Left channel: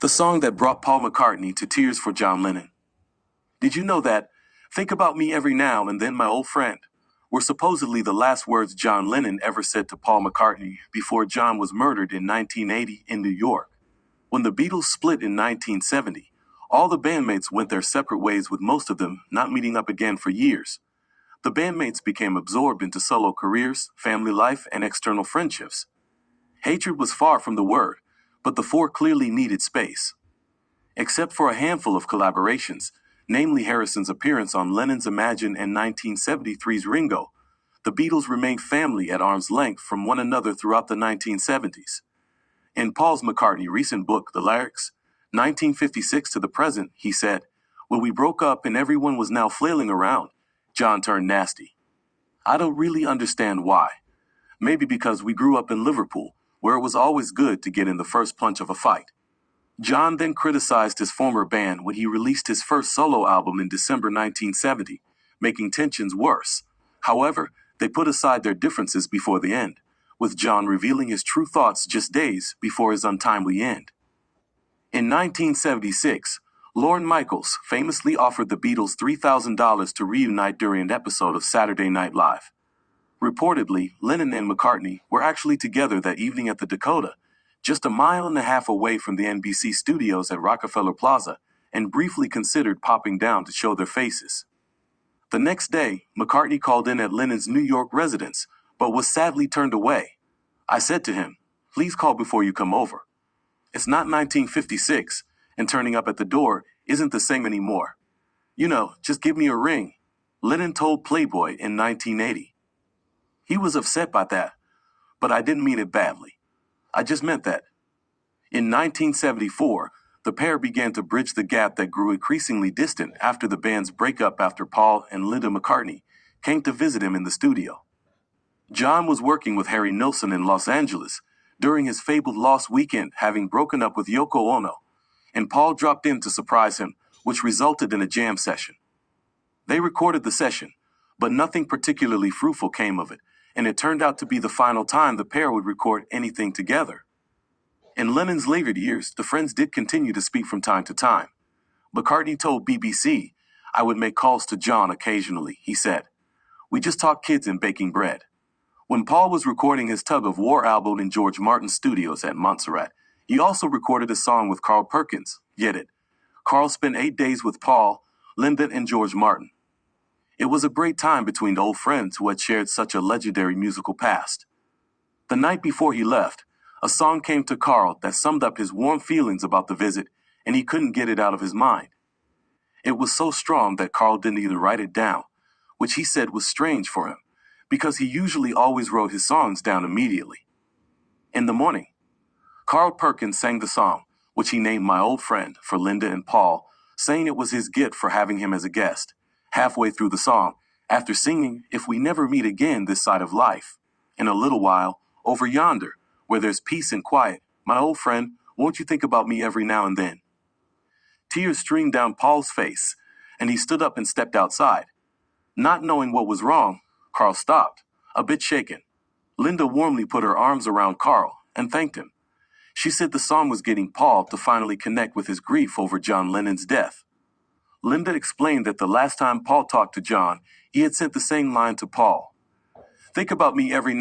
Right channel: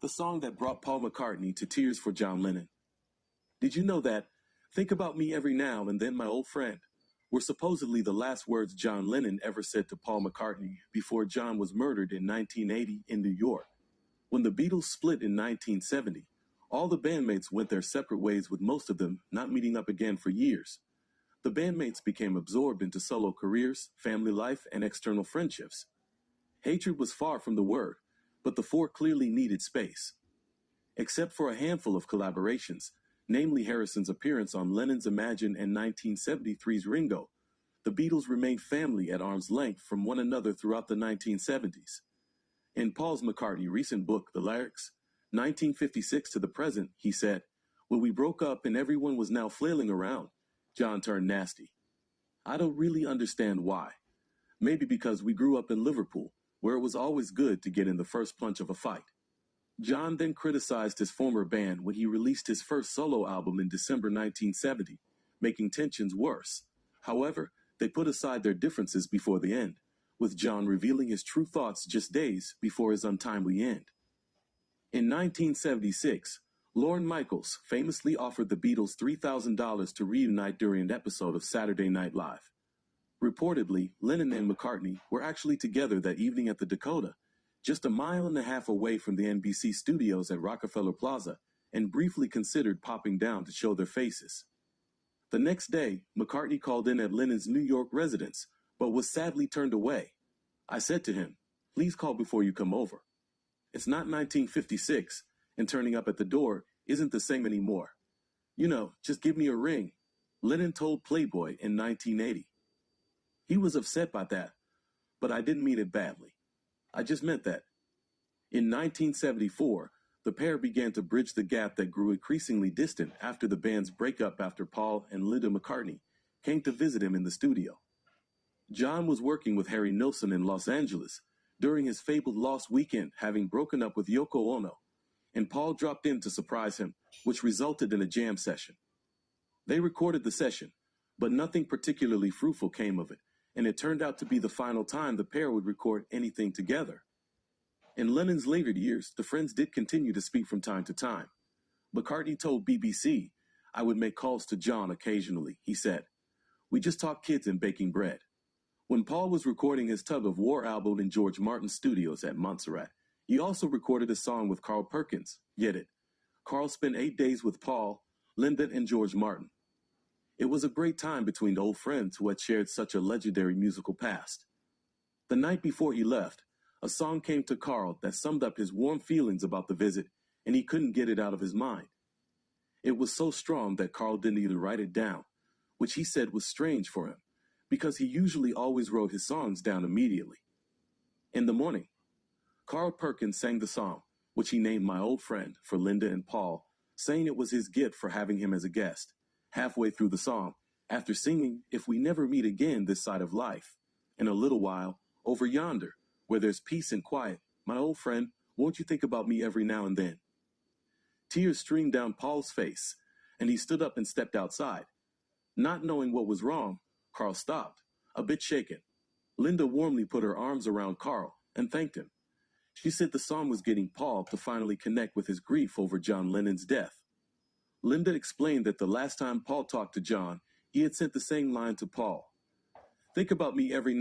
the song that brought Paul McCartney to tears for John Lennon. Did you know that "Think About Me Every Now and Then, My Old Friend" were supposedly the last words John Lennon ever said to Paul McCartney before John was murdered in 1980 in New York? When the Beatles split in 1970, all the bandmates went their separate ways, with most of them not meeting up again for years. The bandmates became absorbed into solo careers, family life, and external friendships. Hatred was far from the word, but the four clearly needed space. Except for a handful of collaborations, namely Harrison's appearance on Lennon's Imagine and 1973's Ringo, the Beatles remained family at arm's length from one another throughout the 1970s. In Paul McCartney's recent book, The Lyrics, 1956 to the present, he said, "When we broke up and everyone was now flailing around, John turned nasty. I don't really understand why. Maybe because we grew up in Liverpool, where it was always good to get in the first punch of a fight." John then criticized his former band when he released his first solo album in December 1970, making tensions worse. However, they put aside their differences before the end, with John revealing his true thoughts just days before his untimely end. In 1976, Lorne Michaels famously offered the Beatles $3,000 to reunite during an episode of Saturday Night Live. Reportedly, Lennon and McCartney were actually together that evening at the Dakota, just a mile and a half away from the NBC studios at Rockefeller Plaza, and briefly considered popping down to show their faces. The next day, McCartney called in at Lennon's New York residence, but was sadly turned away. "I said to him, 'Please call before you come over.' It's not 1956, and turning up at the door isn't the same anymore. Just give me a ring," Lennon told Playboy in 1980. He was upset by that, but I didn't mean it badly. I just meant that. In 1974, the pair began to bridge the gap that grew increasingly distant after the band's breakup after Paul and Linda McCartney came to visit him in the studio. John was working with Harry Nilsson in Los Angeles during his fabled Lost Weekend, having broken up with Yoko Ono, and Paul dropped in to surprise him, which resulted in a jam session. They recorded the session, but nothing particularly fruitful came of it, and it turned out to be the final time the pair would record anything together. In Lennon's later years, the friends did continue to speak from time to time. McCartney told BBC, "I would make calls to John occasionally," he said. "We just talked kids and baking bread." When Paul was recording his Tug of War album in George Martin's studios at Montserrat, he also recorded a song with Carl Perkins, Get It. Carl spent 8 days with Paul, Linda, and George Martin. It was a great time between old friends who had shared such a legendary musical past. The night before he left, a song came to Carl that summed up his warm feelings about the visit, and he couldn't get it out of his mind. It was so strong that Carl didn't even write it down, which he said was strange for him, because he usually always wrote his songs down immediately. In the morning, Carl Perkins sang the song, which he named My Old Friend, for Linda and Paul, saying it was his gift for having him as a guest. Halfway through the song, after singing "If We Never Meet Again This Side of Life," in a little while, "Over Yonder, Where There's Peace and Quiet, My Old Friend, Won't You Think About Me Every Now and Then?" Tears streamed down Paul's face, and he stood up and stepped outside. Not knowing what was wrong, Carl stopped, a bit shaken. Linda warmly put her arms around Carl and thanked him. She said the song was getting Paul to finally connect with his grief over John Lennon's death. Linda explained that the last time Paul talked to John, he had sent the same line to Paul: "Think about me every now